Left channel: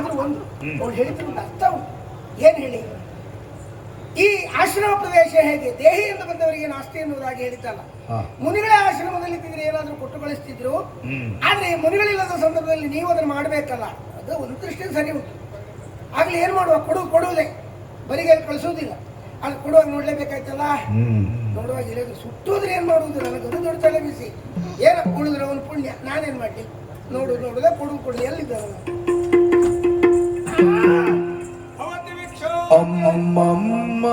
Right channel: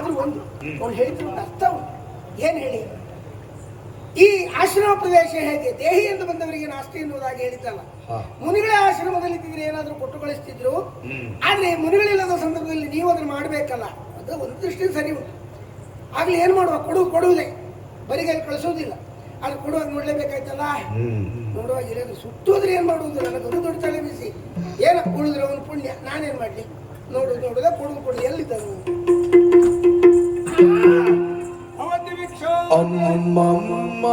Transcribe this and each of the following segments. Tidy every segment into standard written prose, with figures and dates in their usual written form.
ಆದ್ರೂ ಒಂದು ಅವಳು ಹೇಳಿದ್ರು ಒಂದು ಅರ್ಥ ಉಂಟು. ಏನ್ ಹೇಳಿ, ಈ ಆಶ್ರಮ ಪ್ರದೇಶ ಹೇಗೆ ದೇಹಿ ಎಂದು ಬಂದವರಿಗೆ ನಾಸ್ತಿ ಎನ್ನುವುದಾಗಿ ಹೇಳಿದ್ದಲ್ಲ, ಮುನಿಗಳ ಆಶ್ರಮದಲ್ಲಿ ಇದ್ದಿದ್ರೆ ಏನಾದ್ರೂ ಕೊಟ್ಟು ಕಳಿಸ್ತಿದ್ರು. ಆದ್ರೆ ಮುನಿಗಳಿಲ್ಲದ ಸಂದರ್ಭದಲ್ಲಿ ನೀವು ಅದನ್ನು ಮಾಡಬೇಕಲ್ಲ, ಅದು ಒಂದು ದೃಷ್ಟಿ ಸರಿ ಉಂಟು. ಆಗ್ಲಿ ಏನ್ ಮಾಡುವ, ಕೊಡುವುದೇ, ಬರಿಗೈಲಿ ಕಳಿಸೋದಿಲ್ಲ, ಅದು ಕೊಡುವಾಗ ನೋಡ್ಲೇಬೇಕಾಯ್ತಲ್ಲ. ನೋಡುವಾಗ ಇಲ್ಲದು ಸುಟ್ಟೋದ್ರೆ ಏನ್ ಮಾಡುವುದು, ನನಗೊಂದು ದೊಡ್ಡ ತಲೆ ಬಿಸಿ. ಏನ ಕೊಡುದ್ರೆ ಅವನು ಪುಣ್ಯ, ನಾನೇನ್ ಮಾಡ್ಲಿ, ನೋಡುದ ಕೊಡು ಎಲ್ಲಿದ್ದ ಅಮ್ಮಮ್ಮ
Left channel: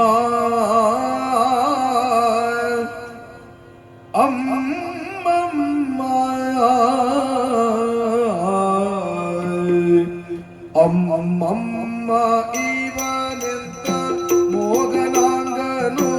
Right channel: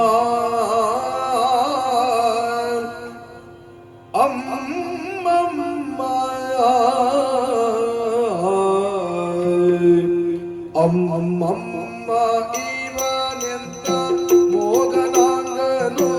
ಅಮ್ಮಮ್ಮ ಅಮ್ಮಮ್ಮ ಇವನೆಂತ ಮೋಗನಾಂಗನು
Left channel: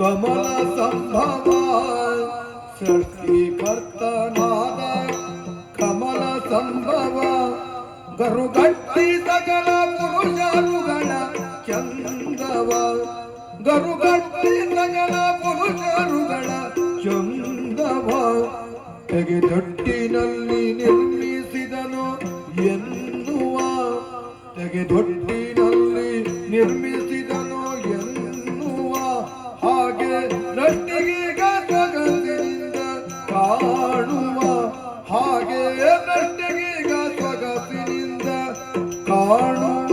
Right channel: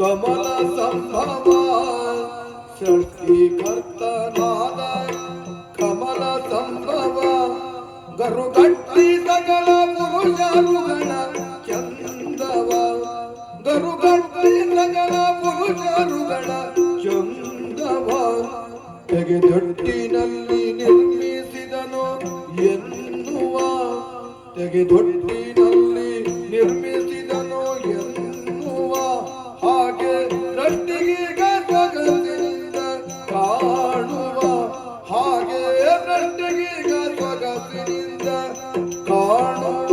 ಕಮಲ ಸಂಭವ ಸೃಷ್ಟಿಕರ್ತನಾದ ಕಮಲ ಸಂಭವ ಗರುಗಟ್ಟಿ ಸಕಲ ಪುರುಷರುಗಳ ಚಂದವ ಗರುಗಟ್ಟಿ ಸಕಲ ಪುರುಷರುಗಳ ಚಂದವ ತೆಗೆದೊಟ್ಟಿನಲ್ಲಿ ನಿರ್ಮಿಸಿದನು ಎನ್ನುವ ತೆಗೆದೊಟ್ಟಿನಲ್ಲಿ ನಿರ್ಮಿಸಿದನು ಎನ್ನುವ ಹಾಗೆ ನಟ್ಟಿಗೆ ಸ್ವಗತಿನಿಂದ ಕಾಣುವ ಹಾಗೆ ನಟ್ಟಿಗೆ ಸ್ವಗತಿನಿಂದ ಕಾಣುವ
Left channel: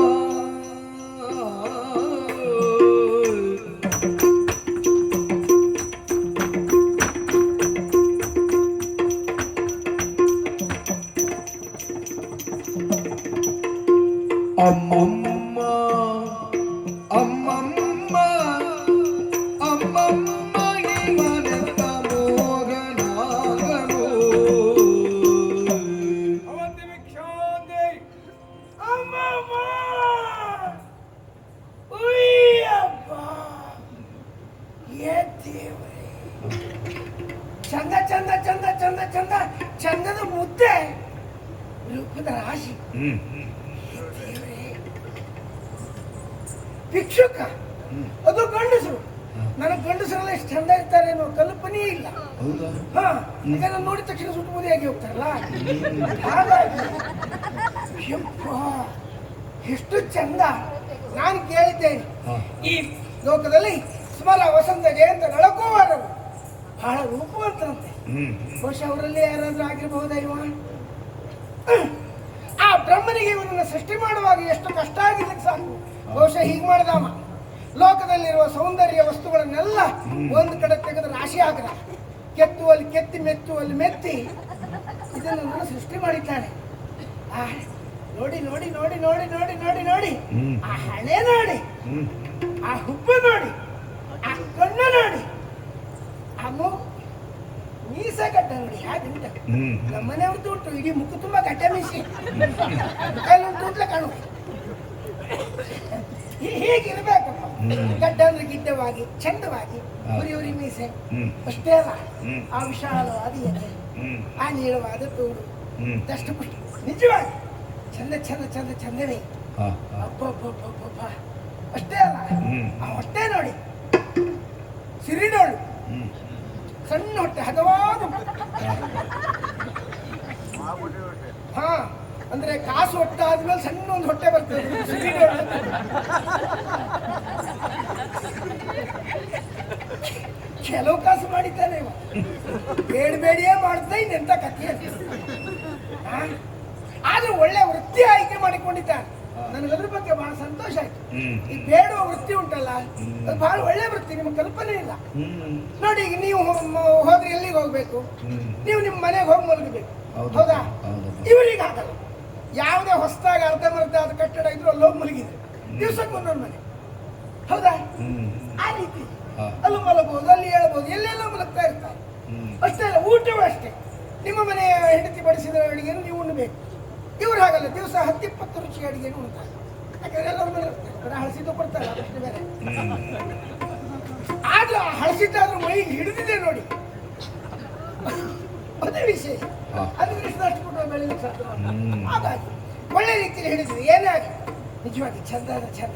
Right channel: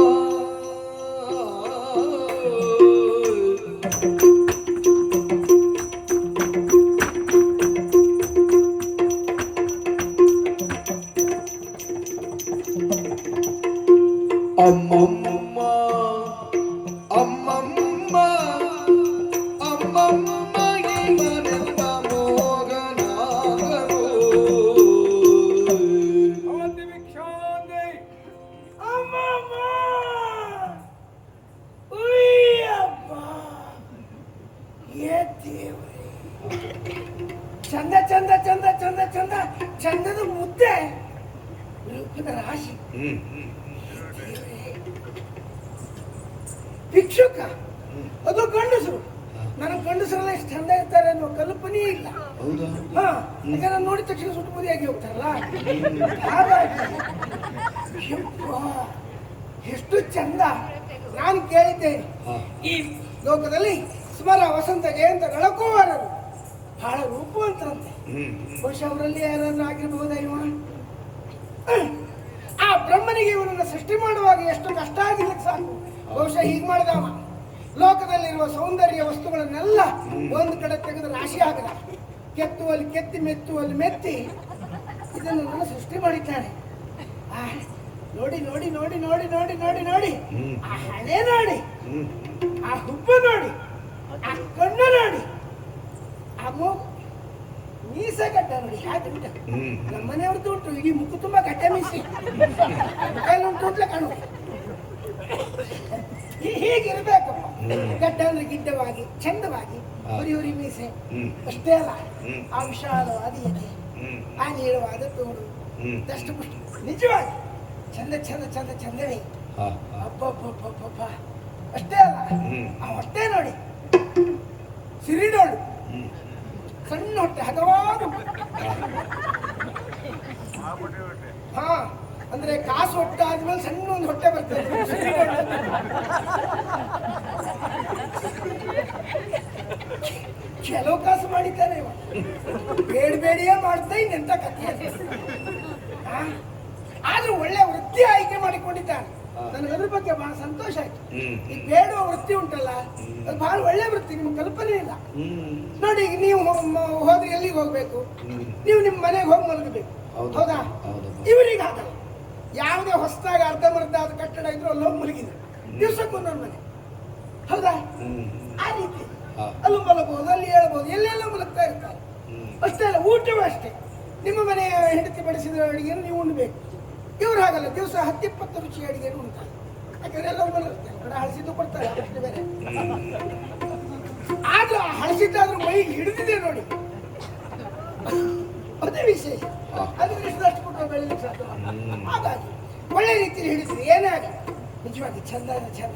ಅಮ್ಮಮ್ಮ ಅಮ್ಮಮ್ಮ ಅಮ್ಮಮ್ಮ ಇವನೆಂತ ಮೋಗನಾಗನು ಅವಂತಿ ವಿಕ್ಷಾಂತಿ ಅಮ್ಮಮ್ಮ ಉಯ್ಯಪ್ಪ ಏ ದೇವ್ರೇ ಚಂದ ಚಂದ ಚಂದ ಚಂದ ಚಂದ ಚಂದದ ಮುದ್ದೆ ರೂಪದ ರಾಶಿ ಭಿಕ್ಷುಕ ಅದು ಗಂಡಸರು. ನನಗೆ ಗಂಡಸರೆಲ್ಲ ಎಷ್ಟು ಚಂದ ಇರ್ತಾರೆ ಅನ್ನೋ ಕಲ್ಪನೆ ಇಲ್ಲ. ಹಾ, ಯಾಕಂದ್ರೆ ನಾನು ನೋಡಿದ ತಕ್ಷಣ ಸುಟ್ಟು ಮುದಿಯಾಗಿ ಹೋಗ್ತಾರಲ್ಲ, ಹಾಗಾಗಿ ಯಪ್ಪ ಎಷ್ಟು ಚಂದ. ನಾನು ಕೇಳಿದ್ದೇನೆ, ಈ ಲೋಕದಲ್ಲಿ ಸ್ಮರ ವಸಂತ ಜಯಂತ ನಳಕೋವಾರರು ಬಹಳ ರೂಪವಂತರಂತೆ. ಬಹುಶಃ ಅವರಲ್ಲಿ ಯಾರಾದ್ರೂ ಆಗಿರಬಹುದಾ ಇವ? ಆ ಬ್ರಹ್ಮನಿಗೆ ಇವನನ್ನು ಸೃಷ್ಟಿ ಮಾಡುವಾಗ ಎಷ್ಟು ಕಷ್ಟ ಆಗಿರ್ಲಿಕ್ಕೆ ಸಾಕು. ಬಹುಶಃ ಹೀಗೆ ಮಾಡಿದವ, ಲೋಕದಲ್ಲಿರುವ ಸೌಂದರ್ಯ ವಸ್ತುಗಳನ್ನೆಲ್ಲ ಒಂದು ಕಡೆ ತೆಗೆದು ರಾಶಿ ಹಾಕದ, ಕೆತ್ತುವಲ್ಲಿ ಕೆತ್ತಿ ಮೆತ್ತುವಲ್ಲಿ ಮೆತ್ತಿ ಇದನ್ನು ಸೃಷ್ಟಿ ಮಾಡಿದ್ದಾನೆ. ನೋಡಿ ನೋಡಿ ನೋಡಿ ನೋಡಿ ನೋಡಿ ನೋಡಿ ನೋಡಿ, ಆ ಹಣೆ ನೋಡಿ, ಆ ಹುಬ್ಬು ನೋಡಿ, ಆ ಕಣ್ಣು ನೋಡಿ, ಆ ಮೀಸೆ ಗಡ್ಡ ನೋಡಿ ಹಾಗೆ ಉಂಟ. ನಮ್ಮನೆಯವ್ರದ್ದು ಉಂಟು, ಇಡೀ ಮುಕ್ಕು ತುಂಬಾ ಗಡ್ಡ ಮೀಸಿ, ಮುಖಲ್ಲಿ ಉಂಟು ಅಂತಲೇ ಕಾಣು. ಹೀಗಿರ್ಬೇಕಪ್ಪ, ಗಡ್ಡ ಅಂದ್ರೆ ಗಿಡ್ಡವಾಗಿ ಚಂದವಾಗಿ, ಹುರಿ ಹುರಿ ಮೀಸೆ ಅಷ್ಟೇ ಅಲ್ಲ, ಆ ವಿಶಾಲವಾದ ಎದೆ, ಆ ನೀಳವಾದ ತೋಳು, ದಷ್ಟಪುಷ್ಟ, ನಿಜವಾಗಿ ಚಂದ ಚಂದ ಚಂದ ಚಂದವೇ. ಅಬ್ಬಬ್ಬಬ್ಬಬ್ಬ ಅಷ್ಟೇ ಅಲ್ಲ, ಆ ಹೊಟ್ಟೆ ನೋಡಿ, ಸಿರಿಡೋಳು, ಸಣ್ಣ ಹೊಟ್ಟೆ, ಹದವಾದ. ಹಾ, ಅಂದ್ರೆ ಕಾಸು ಹೊಟ್ಟೆ ಆದ್ಮೇಲೆ ಸಣ್ಣ ಒಂದು ಹೊಟ್ಟೆ ಬರ್ತದೆ, ಕೆಲವು ಕಾಸು ಮಾಡಿದ್ದಾನೆ ಇವ, ಬೇಡಿಯೇ ಮಾಡ್ತಾ ಇನ್ನೆಂತ ಕಥೆ. ಆದ್ರೂ ಒಳ್ಳೆ ವೃತ್ತಿ ಆಯ್ಕೆ ಮಾಡಿಕೊಂಡಿದ್ದಾನೆ. ನನಗೆ ಅದ್ರ ಬಗ್ಗೆ ಬಹಳ ಸಂತೋಷ ಆಯ್ತು. ಈ ಬೇಡುವ ವೃತ್ತಿ ಉಂಟಲ್ಲ, ಅದು ಬಹಳ ಒಳ್ಳೆ ವೃತ್ತಿ, ನಿಮ್ಮ ಕಲ್ಪನೆ ಇಲ್ಲ ನೋಡಿ. ಈಗ ನೀವು ಹೋದ್ರೆ ಎಲ್ಲಿಗೆ ಹೋಗ್ಬೇಕು? ನೀವು ನಿಮ್ಮ ಮನೆಗೆ ಹೋಗಿ ಮಲಗಬೇಕು, ಹೌದಾ? ಇವರಿಗೆ ಹಾಕಲ್ಲ. ಯಾವುದೇ ಹೊಸದಾಗಿ ಅರ್ಧಮರ್ಧ ಆದ ಕಟ್ಟಡ ಇದ್ರು ಅಲ್ಲಿ ಹೋಗಿ ಮಲಗಿದ್ರು, ದಿವಸಕ್ಕೊಂದೊಂದು ಮನೆ, ಹೌದಾ? ಆ ರೀತಿ ಅಲ್ಲೂ ಮಲಗಬಹುದು, ಅಲ್ಲಿ ಹೇಳ್ಬಹುದು, ಎಲ್ಲೆಲ್ಲ ಮಲಗ್ತಾ ಇರ್ತಾರೆ. ಅಷ್ಟೇ ಅಲ್ಲ, ಊಟವೂ ಅಷ್ಟೇ. ನಿಮ್ಮ ಮನೆಯ ಹೆಂಡತಿ ಬಡಿಸಿದ ಅಡಿಗೆಯನ್ನು ನೀವು ಉಣ್ಬೇಕು. ಇವ್ರು ಹಾಗಲ್ಲ, ದಿವಸ 10-20 ರುಚಿ ಅಡಿಗೆನು ಉಣ್ತಾರೆ. ಯಾಕಂದ್ರೆ ಎಲ್ಲರೂ ಮನೆ ಇರ್ತಾರೆ, ಕಡೆ ಹಳಸಿದ್ದು ಕೊಡ್ತಾರೆ, ಅದಕ್ಕೆ ಬೇರೆ. ಆದ್ರೂ ಹಳಸಿದ್ದಾದ್ರೂ ಮೈ ಹಿಡಿದಿದೆ ನೋಡಿ, ಅದೇ ವಿಶೇಷ. ಅದಕ್ಕೆ ಇಷ್ಟಷ್ಟು ಕೊಟ್ಟು ಬೆಳಿಲಿಕ್ಕೆ ಸಾಧ್ಯ. ಹಾಗಾಗಿ ಒಳ್ಳೆ ರೀತಿಯಲ್ಲಿ ಹಿಡಿದಿದೆ. ಏನೇ ಆಗಲಿ ನಿಜವಾಗಿ ಚಂದ ಅಂದ್ರೆ ಚಂದ.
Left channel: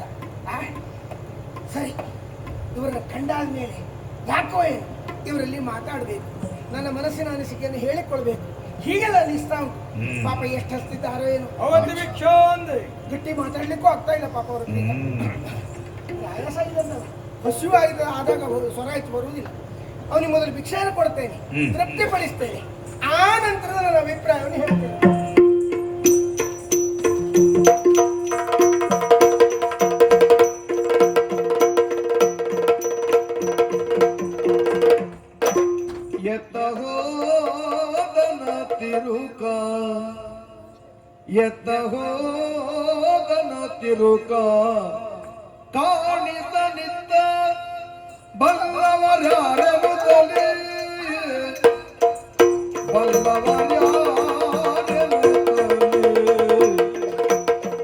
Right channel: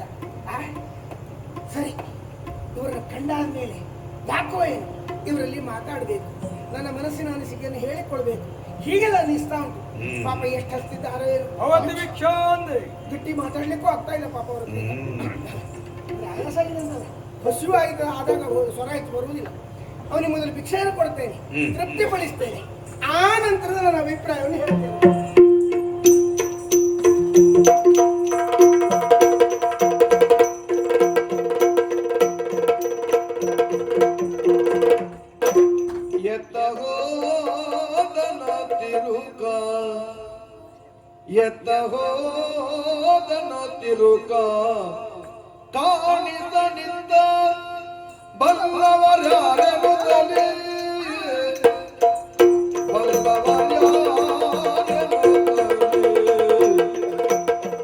ಸರಿ, ಇವರನ್ನು ಕಂಡಾದ ಮೇಲೆ ಯಾಕೋ ಏನು ಇವರಲ್ಲಿ ಮಾತಾಡಬೇಕು, ನನ್ನ ಮನಸ್ಸಿನ ಅನಿಸಿಕೆಯನ್ನು ಹೇಳಿಕೊಳ್ಬೇಕು, ಹೀಗೆಲ್ಲ ಅನಿಸ್ತಾ ಉಂಟು. ಪಾಪ ಎಷ್ಟು ಹಸ್ತಿದ್ದಾರೋ ಏನು, ಗಟ್ಟಿ ಮಾತಾಡ್ಲಿಕ್ಕೂ ಆಗ್ತಾ ಇಲ್ಲ ಪಾಪ ಅವ್ರಿಗೆ. ಆಯಾಸ ಇಲ್ಲ ಅಂತಲ್ಲ, ಹಸಿವು ಆದಾಗ ಸ್ವರ ಹೆಚ್ಚು ಬರುವುದಿಲ್ಲ. ಅವನಿಗೆ ಮೊದಲು ಭಿಕ್ಷೆಯನ್ನು ಕೊಡ್ತೇನೆ, ತೃಪ್ತಿಪಡಿಸ್ತೇನೆ, ಆ ನಂತರದ ನನ್ನ ಅಭಿಪ್ರಾಯವನ್ನು ಹೇಳ್ತೇನೆ. ಎತ್ತ ಹೋದನ ತಿರುಕ ಕಾಣಿಸನಿಂದ ಬಲ್ಲವರ್ಯಾರ ಮೊದಲೇ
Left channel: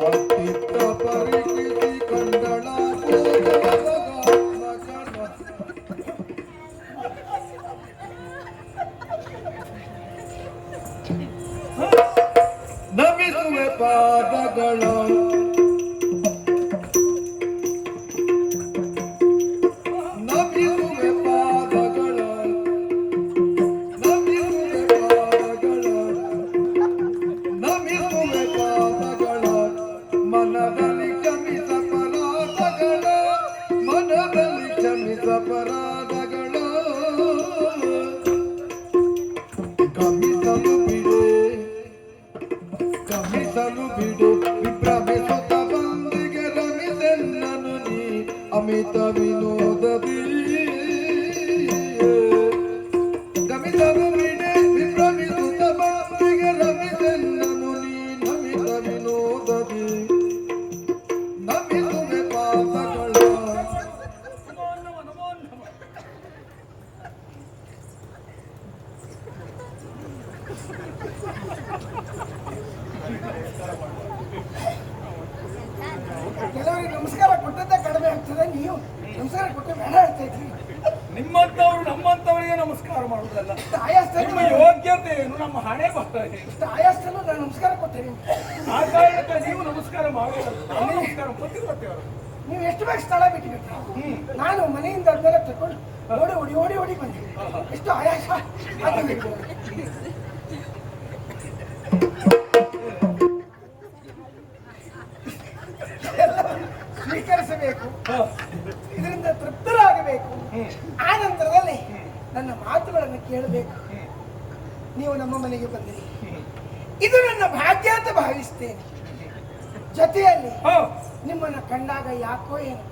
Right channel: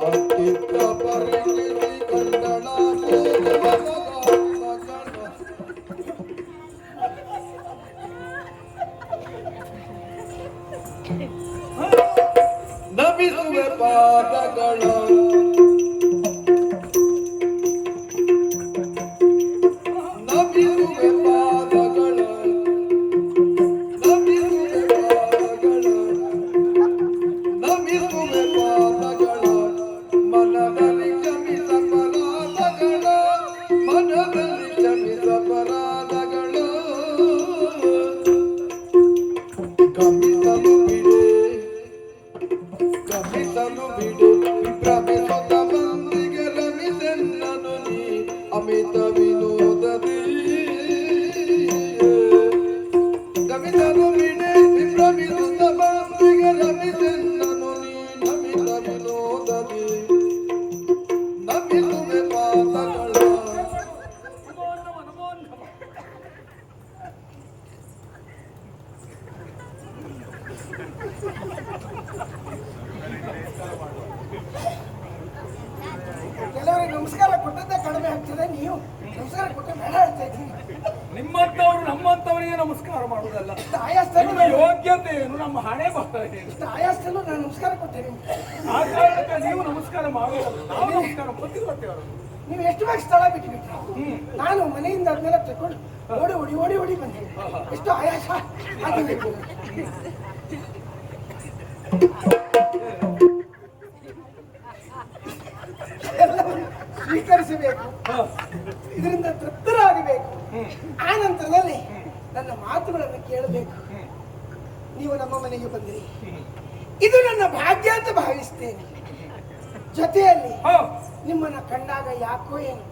ಅಸ್ತಿತ್ವ ಪರಿಸ್ಥಿತಿ ಕಂದಣ ನಮಿಸುವೆ ಪಾದಗಳು ನಮಿಸುವೆ ಪಾದಗಳು ನಮಿಸುವೆ ಪಾದಗಳು ನಮಿಸುವೆ ಪಾದಗಳು ಮನದಲ್ಲಿ ಕ್ಷಮಿಸ ಪರಾಧಗಳು ಮನದಲ್ಲಿ ಕ್ಷಮಿಸ ಪರಾಧಗಳು ಕ್ಷಮಿಸಲು ಬಿಡೆ ಕ್ಷಮಿಸಲು ಬಿಡು ವಿಭ್ರಮಿಸುತ್ತ ಬಂದಿಗೆ ರಮಿಸೆನ್ನನು ನೀ ಅಮಿತ ವಿನೋದದಿ ಕ್ಷಮಿಸಲು ಬಿಡೆ ವಿಭ್ರಮಿಸುತ್ತ ಬಂದಿಗೆ ರಮಿಸೆನ್ನನು ನೀ ಅಮಿತ ವಿನೋದದಿ ನಮಿಸುವೆ ಪಾದಗಳ ಕೆಲವರಿಗೆ ನಮಸ್ಕಾರ ಕೊಟ್ಟದ್ದೇ ಕಡಿಮೆ ಆಗ್ತದೆ, ನೀವು ನಮಸ್ಕಾರ ಕೊಟ್ಟರೆ ಬೇಡ ಆಗ್ತಾ ಇದ್ರಿ. ನಿಮ್ಮಂತವ್ರು ನಮ್ಮಂತವರಿಗೆ ನಮಸ್ಕಾರ ಮಾಡುವುದಲ್ಲ. ಆಯಾಸ್ತಲ್ಲೂ ನಿಮ್ಮ ಯೋಗ್ಯತೆ ಏನು, ನಮ್ಮ ಹಣೆ ಬರ್ತದೆ. ಇಷ್ಟು ಆಯಾಸ್ತಲ್ಲೂ ನಾನು ನಮಸ್ಕಾರ ಕೊಟ್ಟೆ ನಿಮ್ಗೆ. ಆ ಕಾರಣಕ್ಕೆ ನೀವು ನಮಸ್ಕಾರ ಮಾಡುವುದಲ್ಲ, ನಾವು ನಮಸ್ಕಾರ ಪತಿವ್ರತೆಯವರು. ನೀವು ಎಷ್ಟು ಬೇಗ ಸ್ಥಳ ಬಿಟ್ಟುಬಿಟ್ರಿ. ನಾನು ಮನೆಯಿಂದ ಅದನ್ನೆಲ್ಲ ತಗೊಂಡು ಓಡಿ ಓಡಿ ಓಡಿ ಓಡಿ ಬಂದೆ. ಎಷ್ಟು ಆಯಾಸ ಆಗಿದೆ. ಎಲ್ಲವನ್ನು ಸ್ವೀಕರಿಸಬೇಕು, ಇದರಿಂದ ತೃಪ್ತರಾಗಬೇಕು. ಆ ನಂತರದಲ್ಲಿ ನನ್ನ ಮಾತುಗಳನ್ನು ಕೇಳಬೇಕು. ನೀವು ನಮ್ಮ ಮನೆಗೆ ಬಂದಿರಿ, ಇದು ನನ್ನ ಭಾಗ್ಯ ಅಂತ ಭಾವಿಸ್ತೇನೆ. ಜೊತೆಯಲ್ಲಿ ನಿಮ್ಮನ್ನ ಕಂಡಾಗ ಯಾಕೋ ಏನು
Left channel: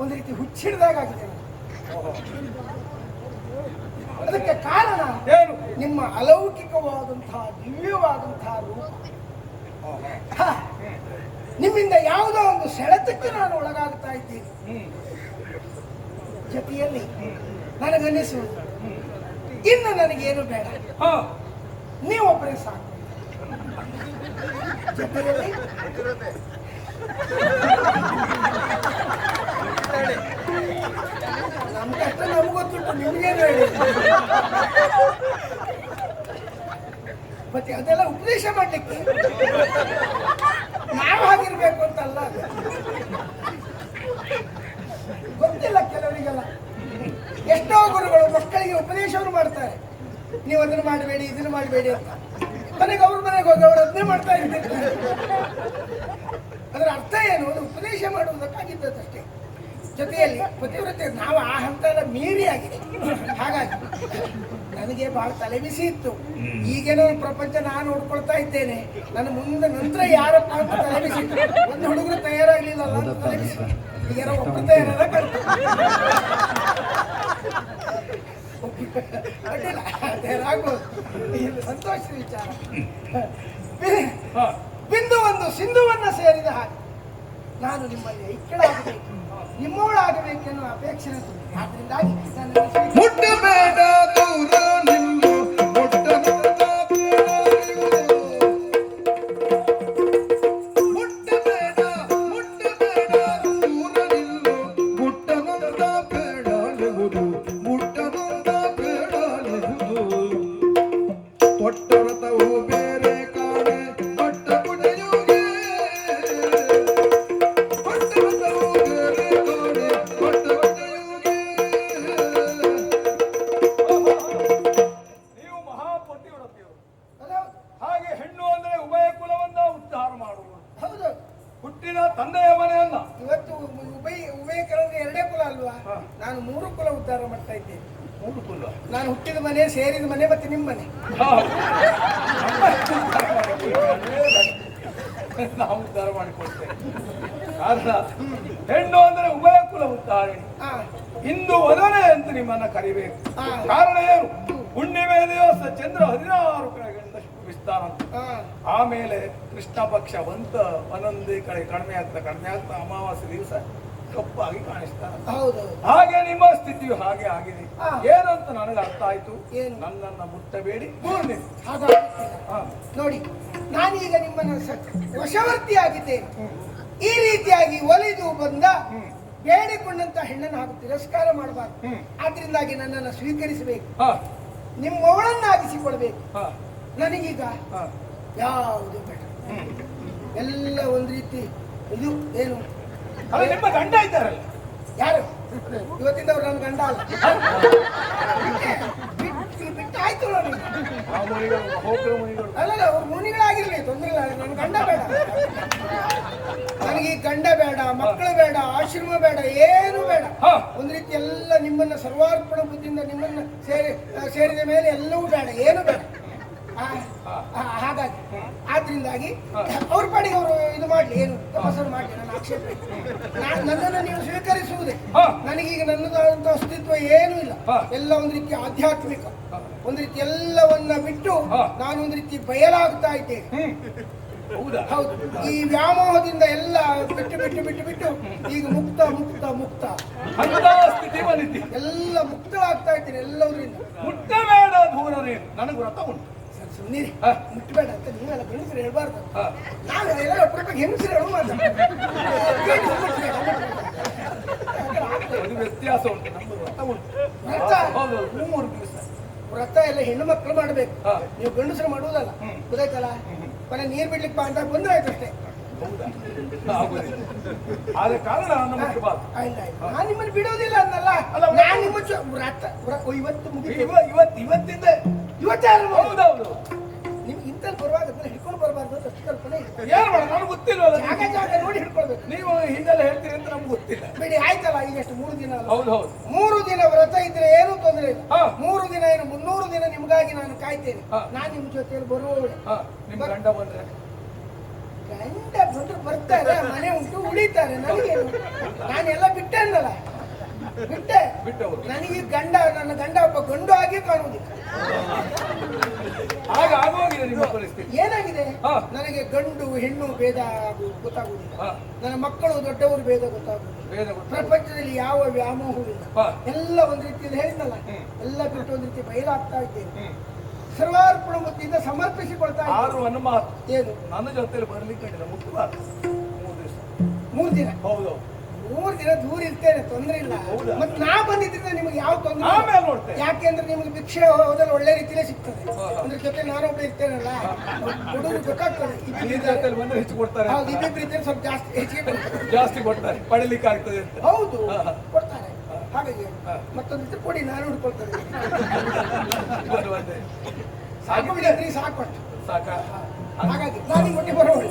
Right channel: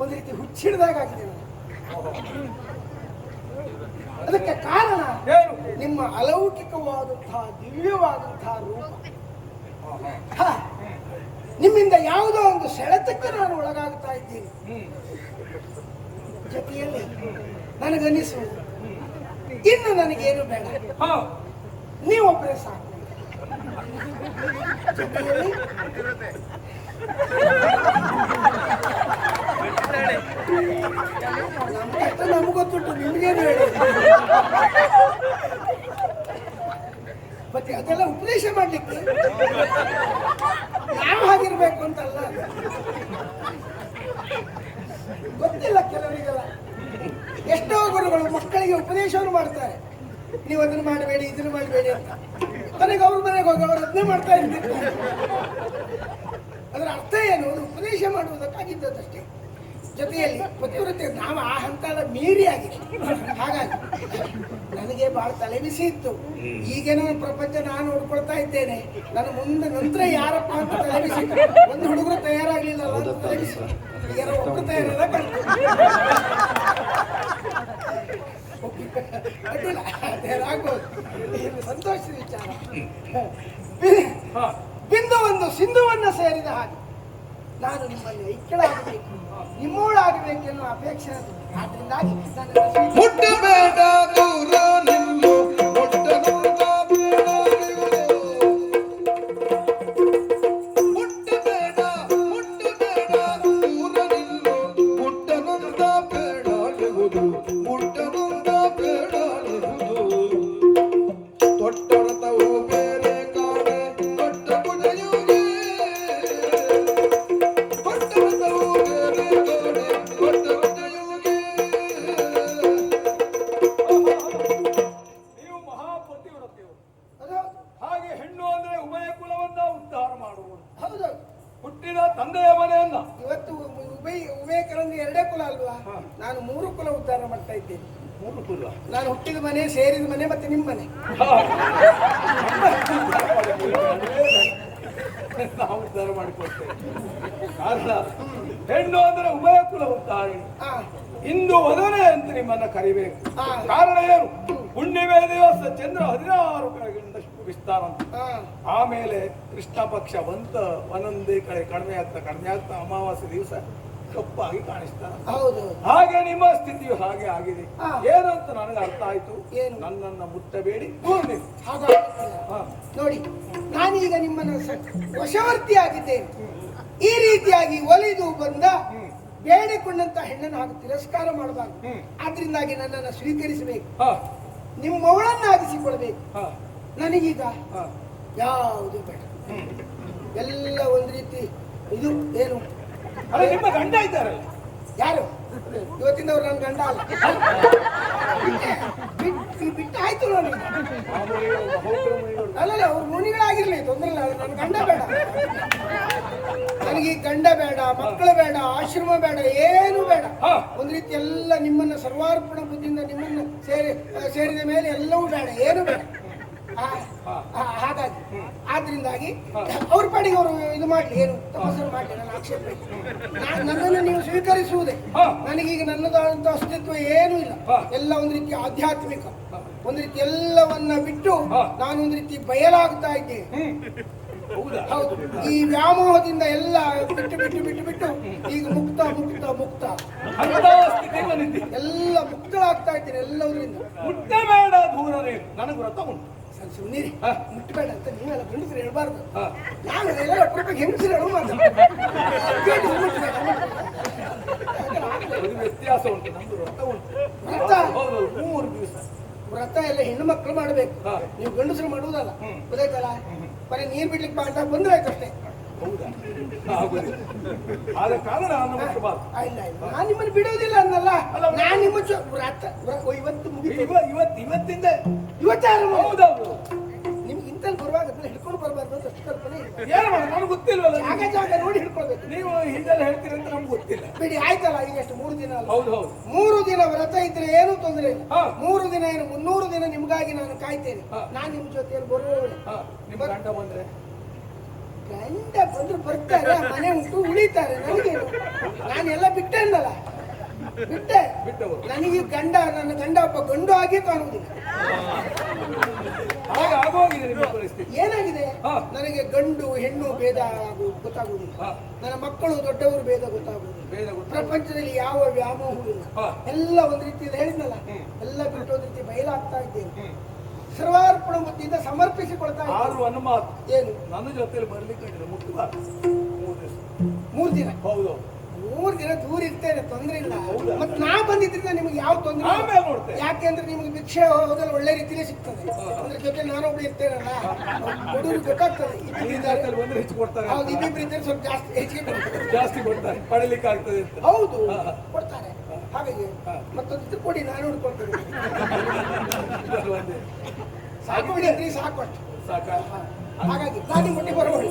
ಒಂದು ರೀತಿ ಹುಚ್ಚಿಡ್ದಾಗಿದೆ ನನಗೆ. ಅದಕ್ಕೆ ಕಾರಣ ನಿಮ್ಮ ಅಲೌಕಿಕವಾದಂತಹ ದಿವ್ಯವಾದಂತಹ ರೂಪ. ನಿಮ್ಮಿಂದ ಯಾವುದೋ ಒಂದು ಸೆಳೆತಕ್ಕೆ ನಾನು ಒಳಗಾಗ್ತಾ ಇದ್ದೀನಿ. ಜೊತೆಯಲ್ಲಿ ನನಗನ್ನಿಸುವುದು ಇನ್ನು ನನಗೇನು ಬೇಡ, ನೀವೊಬ್ಬರೇ ಸಾಕು. ಜೊತೆಯಲ್ಲಿ ನಮ್ಮ ಕಷ್ಟ ನಮ್ಗೆ ಗೊತ್ತುಂಟು, ನಿಮ್ಗೇನು ಹೇಳಿ. ಮತ್ತೆ ಅದೆಲ್ಲ ಉಪದೇಶ ಮಾಡ್ಲಿಕ್ಕೆ ನಾವು ಹಾಗಿರ್ಬೇಕು ಅಂತಲ್ಲ, ಗೊತ್ತಿಲ್ಲ ಕೆಲವರಿಗೆಲ್ಲ. ಎಷ್ಟೋ ಗುರುಗಳು ಮಕ್ಕಳಿಗೆ ಉಪದೇಶವನ್ನು ಮಾಡ್ತಾರೆ, ನೀವು ಅದನ್ನು ಮಾಡಬೇಡಿ ಇದನ್ನು ಮಾಡಬೇಡಿ ಅಂತ. ಮನೆಗೆ ಅವ್ರ ಮನೆಗೆ ಹೋಗಿ ಅವ್ರು ಅದನ್ನೇ ಮಾಡ್ತಾ ಇರ್ತಿರ್ತಾರೆ. ಅದರ ಅರ್ಥ ಏನು? ಅದು ಉಪದೇಶ ಮಾಡುವುದಕ್ಕಾಗಿದ್ದಷ್ಟೇ. ಜೊತೆಯಲ್ಲಿ ಪತಿವ್ರತೆ ನಾವು ಆ ಹಂತ ಎಲ್ಲ ಮೀರಿ ಆಗಿದೆ. ಹಾಗಾಗಿ ನನಗೆ ಬಹಳ ತಲೆಬಿಸಿ ಇತ್ತು. ಈಗೇನೋ ಪ್ರಪಂಚ ನಾನು ನೋಡ್ಕೊಳ್ತಾ ಇದ್ದೇನೆ. ನನ್ನ ಮುಂದೆ ನಂತರ ಯಾರಪ್ಪ ಅಂತ ತಲೆಬಿಸಿ ಇತ್ತು. ಒಂದು ಹುಡುಗರು ತಯಾರಾಗ್ಲಿಲ್ಲ ಅಂತ ತಲೆಬಿಸಿ. ಈಗ ಯಾರೋ ಒಬ್ಬರು ತಯಾರಾದ ಕಳ್ತ ಅಡ್ಡಿಲ್ಲ, ತಯಾರಾಗ್ಬೋದು. ಇದು ಸಂತೋಷದ ವಿಚಾರ. ಬಿಂದು ಒಂದು ಸಿಂಧುವನ್ನ ಸೇರಿದ ಹಾಗೆ ನಾನು ನಿಮ್ಮಲ್ಲಿ ಐಕ್ಯಳಾಗಬೇಕು, ನಿಮ್ಮೋಳಾಗಬೇಕೆನ್ನುವ ಅಪೇಕ್ಷೆ ನನ್ನದು. ಆದ್ರಿಂದಾಗಿ ನಾನು ಮುಟ್ಟಬೇಡ ದೂರ ನಿಲ್ಲು, ಮುಟ್ಟಬೇಡ ದೂರ ನಿಲ್ಲು, ಮುಟ್ಟನುಂದ ಬೇಡಾಡುವುದು, ಮುಟ್ಟನುಂದ ಬೇಡಾಡುವುದು. ತೊಟ್ಟರತವು ಬೇರೆ ಕಾಣೆ ತೊಟ್ಟ ಕುಡಿಯುವುದೇ, ತೊಟ್ಟರತವು ಬೇರೆ ಕಾಣೆ ತೊಟ್ಟ ಕುಡಿಯುವುದೇ. ನೀವು ಮಹಾಪತಿವ್ರತಿಯವರು. ಹೌದು ಹಾಗೆ ಹೆಣ್ಣು ಅಂದ್ರೆ ಉಭಯ ಕುಲವನ್ನ ಉದ್ಧಾರ ಮಾಡುವುದು. ಹೌದು. ಹುಟ್ಟಿದ ತಂದೆಯ ಮನೆಯಲ್ಲ. ಇವತ್ತು ಉಭಯಕರೊಂದು ಎರಡೇ ಕುಲ ಅಲ್ವಾ? ಹಾ. ನಾನು 3 ಕುಲ ಉದ್ಧಾರ ಮಾಡ್ತಾ ಇದ್ದೇನೆ. 3 ಕುಲ. ನಾನು ಹುಟ್ಟಿದ ಮನೆ, ಸೇರಿದ ಮನೆ, ಮತ್ತೆ ನಿಮ್ಮ ಮನೆ. ನಾವು ಉದ್ಧಾರ ಮಾಡಿಕೊಡ್ತೇವೆ. ಕಾರಣ ಹೆಣ್ಣು ಅಂದ್ರೆ ಉಭಯ ಕುಲ ಉದ್ಧಾರಣೆ. ಆ, ಇಂದು ವದನೆ ಅಂತ ನಿಮ್ಮನ್ನ ಕರಿಬೇಕು. ಹಾ. ಕಾರಣ ಏನು? ಹುಣ್ಣಿಮೆ ದಿವಸ ಚಂದ್ರ 16 ಕಡೆಗಳಿಂದಷ್ಟು ವಿಸ್ತಾರ ಅಂತ. ಆ, ಆಮೇಲೆ ಕೃಷ್ಣ ಪಕ್ಷ ಒಂದೊಂದೇ ಕಡೆ ಕಡಿಮೆ ಆಗ್ತಾ ಅಮಾವಾಸ್ಯೆ ದಿವಸ ಕಪ್ಪಾಗಿ ಕಾಣಿಸ್ತಾನೆ. ಹೌದೌದು. ಹಾಗೆ ನಿಮ್ಮ ಸ್ಥಿತಿಯು ಹಾಗೆ ಆಗಿದೆ. ಹಾ. ಏನಂತ ನನಗೆ ಅರ್ಥ ಆಯ್ತು. ಏನು? ನನ್ನನ್ನ ಮುಟ್ಟಬೇಡಿ, ದೂರ ನಿಲ್ಲಿ. ಹಾಗಾಗುತ್ತಿಲ್ಲ. ಹಾ. ನೋಡಿ, ನಾನೀಗ ನಿಮ್ಮನ್ನ ವಶವರ್ತಿ ಆಗಿದ್ದೇನೆ. ಈ ರೀತಿಯಾಗಿ ಒಲಿದು ಬಂದ ಬೇಡಿಕೊಂಡಂತ ಹೆಣ್ಣನ್ನು ಹಾಗೂ ತಿರಸ್ಕಾರ ಮಾಡಬಾರ್ದು. ಆದ್ರಿಂದಾಗಿ ನನ್ನನ್ನು ಸ್ವೀಕರಿಸಬೇಕು, ಹಾ. ನಿಮ್ಮವಳನ್ನಾಗಿಸಿಕೊಳ್ಬೇಕು. ಹಾ. ನನಗೀಗ ಹಾ. ಯಾವುದು ಬೇಡ, ಎಲ್ಲ ಒಂದು ರೀತಿ ಇದು ಏನು. ಅಲ್ಲ, ನಿಮ್ಮ ಗಂಡ ಇದ್ದಾರಲ್ಲ. ಯಾರು? ಇವತ್ತಿಂದ ಅವ್ರು ನನ್ನ ಗಂಡ ಅಲ್ಲ. ಬಿಟ್ಟು ಆಯ್ತು ನೋಡಿ. ಆ ಮುನಿಗಳು ಮಹೋಗ್ರ ಮುನಿಗಳು. ಅಲ್ಲಲ್ಲ, ಅವ್ರು ಮುನಿಗಳಾಗಿರ್ಲಿ, ತೊಂದರೆ ಇಲ್ಲ. ನನ್ನ ಗಂಡ ಬೇಡ. ನನಗೆ ಈ ಗಂಡ ಬೇಡ, ಮಕ್ಕಳು ಬೇಡ, ಆಶ್ರಮ ಬೇಡ, ಏನು ಬೇಡ. ಹಾ. ಒಂದು ರೀತಿ ಎಲ್ಲ ನಿಮ್ಮನ್ನ ಸರ್ವಾರ್ಪಣ ಬುದ್ಧಿಯಿಂದ ನಿಮ್ಮನ್ನ ಸೇರಿದ ಮೇಲೆ ಎಲ್ಲವೂ ಬೇಡ, ಏನು ಬೇಡ. ಹಾಗಾಗಿ ಆದ್ರಿಂದಾಗಿ ಅವ್ರ ಪಾಡಿಗೆ ಅವರು ಇದು ಮಾಡ್ಲಿ, ಏನು ತಪಾಸಣೆ ಮಾಡ್ಲಿ, ನನ್ನ ಆಕ್ಷೇಪ ಇಲ್ಲ. ನನ್ನನ್ನು ನೀವು ಸ್ವೀಕರಿಸುವುದೇ. ನನಗೀಗ ನನ್ನದಾದಂತ ಅಸ್ತಿತ್ವ ಏನೂ ಇಲ್ಲ. ಎಲ್ಲ ಒಂದು ರೀತಿ ಆಧ್ಯಾತ್ಮಿಕ, ಒಂದು ರೀತಿ ಎಲ್ಲವನ್ನ ಬಿಟ್ಟು ನಾನೊಂದು ರೀತಿ ಬಯಲಾಗ್ತಾ ಇದ್ದೇನೆ. ಹೌದಾ? ಹೌದು. ಈ ವ್ಯಾಮೋಹದಿಂದ ಎಲ್ಲ ಬಿಟ್ಟು ಬಿಟ್ಟು ಬಿಟ್ಟು ಬಿಟ್ಟು ಈಗ ಮುಕ್ತ ಮುಕ್ತ ಮುಕ್ತ ಅಂತ ಸ್ಥಿತಿ ಬಂದಿದ್ದಿ. ಎಲ್ಲ ಮುಕ್ತಳಾಗ್ತಾ ಇದ್ದೇನೆ ಎಲ್ಲದರಿಂದ. ಮುಟ್ಟಬೇಡ, ದೂರ ನೀನು. ನನಗೆ ವ್ರತ ಉಂಟು. ಸುಮ್ಮನೆ ಮುಟ್ಟಬೇಡ ಅಂತ ನೀವೆಲ್ಲ ಗಂಡಸರು ಹೇಳ್ಬಾರ್ದು. ಹಾ. ನಾನು ಎಲ್ಲ ಒಟ್ಟರು ಹೆಂಗಸರು ಹೇಳು ಮಾತಾಡ್ತೀನಿ. ಒಂದು ವ್ಯತ್ಯಾಸ ಉಂಟು. ನಮ್ದು ವ್ರತ ಉಂಟು. ವ್ರತ? ಹೌದು, 3 ದಿವಸ ವ್ರತ ಎಲ್ಲ ಹೆಣ್ಣು ಮಕ್ಕಳು ಮಾಡ್ಬೇಕು, ಹಾ. ನೀವು ಗಂಡಸರು ಮಾಡುವುದಲ್ಲ. ಗೊತ್ತಾಯ್ತಲ್ಲ? ಮನೆ ನೀರ್ ಬಿಡ್ಲಿಕ್ಕೆ ಬಾ ಅಂತ ಬಂದ್ರೆ ಆಯ್ತು ಅಷ್ಟೇ. ಹೌದಾ? ಆಗುದಿಲ್ಲ. ಆದ ಕಾರಣ ನನ್ನ ಮುಟ್ಟಬಾರ್ದು. ಇಲ್ಲ ಇಲ್ಲ, ನಾನು ನಿಮ್ಮನ್ನು ಬಿಡೋದಿಲ್ಲ ಅನ್ನಲ್ಲ. ನಾನು ನಿಮ್ಮ ವ್ರತ ಇವತ್ತು ಮುಗಿತು. ಇವತ್ತಿಂದ ಇವತ್ತಾರು ಹೌದೌದು. ನಿಮ್ಗೆ ಇಂತಲ್ಲಿ ಬರುವಾಗ ಅದನ್ನ ಹಿಡ್ಕೊಂಡು ಬರಬಾರ್ದು ಅಂತ ಅಷ್ಟು ಕಲ್ಪನೆ ಇದೆ. ಏನ್ ಮಾಡ, ನನಗೆ ಗೊತ್ತಿಲ್ವಲ್ಲ. ಜಾಗ ನೋಡಿ ಹಿಡ್ಕೊಳ್ಬೇಕು. ನೀವು ಹೀಗೆಲ್ಲ ಹೇಳ್ತೀರಿ ಅಂತ ನಮ್ಗೆ ಗೊತ್ತಿಲ್ಲ. ಬಿಡಿ, ಆಯ್ತಲ್ಲ. ಈಗ ಎಷ್ಟು 3 ದಿನ ಅಲ್ಲ? ಹೌದು ಹೌದು. 3 ದಿನ ವ್ರತ ಇದ್ರೆ ಏನೂ ತೊಂದರೆ ಇಲ್ಲ. ಹಾ. 3 ದಿನ ಏನು 300 ದಿನ ನಿಮಗಾಗಿ ನಾನು ಕಾಯ್ತೇನೆ. ಹಾ. ನಾನು ನಿಮ್ಮ ಜೊತೆಯಲ್ಲಿ ಬರೋಳೆ. ನಿಮ್ ಗಂಡ ಬಂದ್ರೆ? ಗಂಡ ಬಂದ್ರು ಬರ್ತಾರೆ, ಮನೆ ಉಂಟು, ಉಳಿತಾರೆ. ನನಗೇನು, ನಾನೆಲ್ಲ ಬಿಟ್ಟೆ ಅನ್ನಲ್ಲ, ಬಿಟ್ಟೆ. ಬಿಟ್ಟವರು. ನನಗೆ ನನ್ನ ಗಂಡ ಒಬ್ಬ ಗಂಡು ಆಗಿ ಕಾಣುವುದಿಲ್ಲ. ಹಾಗೆ ಆಗೋಗಿದೆ ನಿಮ್ಮ ಪರಿಸ್ಥಿತಿ. ಏನಾಗಿದೆ? ಹಾ. ನನಗೆ ಗಂಡು ಹೆಣ್ಣು ಭೇದ ಗೊತ್ತಾಗುವುದಿಲ್ಲ. ಹಾ. ನನ್ನ ಮಕ್ಕಳು ದೊಡ್ಡವರು ಭೇದ ಗೊತ್ತಾಗುವುದಿಲ್ಲ. ಭೇದ ಗೊತ್ತಾಗುವುದಿಲ್ಲ. ಪ್ರಪಂಚದಲ್ಲಿ ಯಾವ ವ್ಯಾಮೋಹವೂ ಇಲ್ಲ. ಹಾ. ಎಲ್ಲ ಒಂದು ರೀತಿಯಲ್ಲಿ ಹೇಳಿದ್ನಲ್ಲ, ಎಲ್ಲ ಬಿಟ್ಟು ಒಂದು ರೀತಿ ಬಯಲಾಗ್ತಾ ಇದ್ದೇನೆ. ಸರ್ವಾರ್ಪಣ ಬುದ್ಧಿಯಿಂದ ಸಮರ್ಪಿಸಿಕೊಳ್ತಾ ಇದ್ದೇನೆ. ಆರು ಮಾತು ಏನು? ನನ್ನ ಜೊತೆಲಿ ಬರ್ಲಿಕ್ಕೆ ಮುಟ್ಟಬಾರ್ದು. 3 ದಿವಸ. 3 ದಿನ? ಹೌದು. 3 ದಿನ ದೂರ ಇರ್ತೇನೆ, ತೊಂದ್ರೆ ಇಲ್ಲ. ಹೌದಾ? ಮತ್ತೆ ನಾ ಬಂದಿದ್ರಿಂದ ನಿಮ್ಗೆ ಯಾವ ತೊಂದ್ರೆ ಇಲ್ಲ. ಆಮೇಲೆ ನೋಡ್ತೇನೆ. ಯಾಕೆಂದ್ರೆ ನಿಮ್ಗೆ ಭಿಕ್ಷೆ ಹೋದಲ್ಲಿ ಒಳ್ಳೆ ರೀತಿಲೇ ಸಿಗ್ತದೆ. ಅಂದ್ರೆ ಜೊತೆ ನಾನೊಬ್ಳು ಇರ್ತೇನಲ್ಲ, ಕೊಡೋರು ಗೊತ್ತಾಗ್ತದೆ. ನಿನ್ನ ಜೊತೆಲಿ ಬಂದ್ರೆ ಹೆಚ್ಚು ಕೊಡ್ತಾರೆ. ಹೌದು, ಇಬ್ಬಿಬ್ರು ಇದ್ದರೆ ಸ್ವಲ್ಪ ಜಾಸ್ತಿ ಹೆಚ್ಚಿಗೆ ಕೊಡ್ತಾರೆ. ಜಾಸ್ತಿ ಕೊಡ್ತಾರೆ, ಪಡಿಲಿಕ್ಕೆ ಆಗ್ತದೆ ಅಂತ. ಹೌದು, ಕೊಡ್ತಾರೆ. ಹಾಗಾಗಿ ಮತ್ತೊಂದಿತ್ತು ಕೊಡಿ, ನಾನು ಹುಡ್ಕೊಳ್ತೇನೆ. ಬರುವಂತೆ ಸಾಕು ಬಿಡಿ, ಸಾಕು ಅಷ್ಟು. ಸಾಕ. ಹಾಗಾಗಿ ನಾನು ಮುಟ್ಟಿ ಬರೋಳು.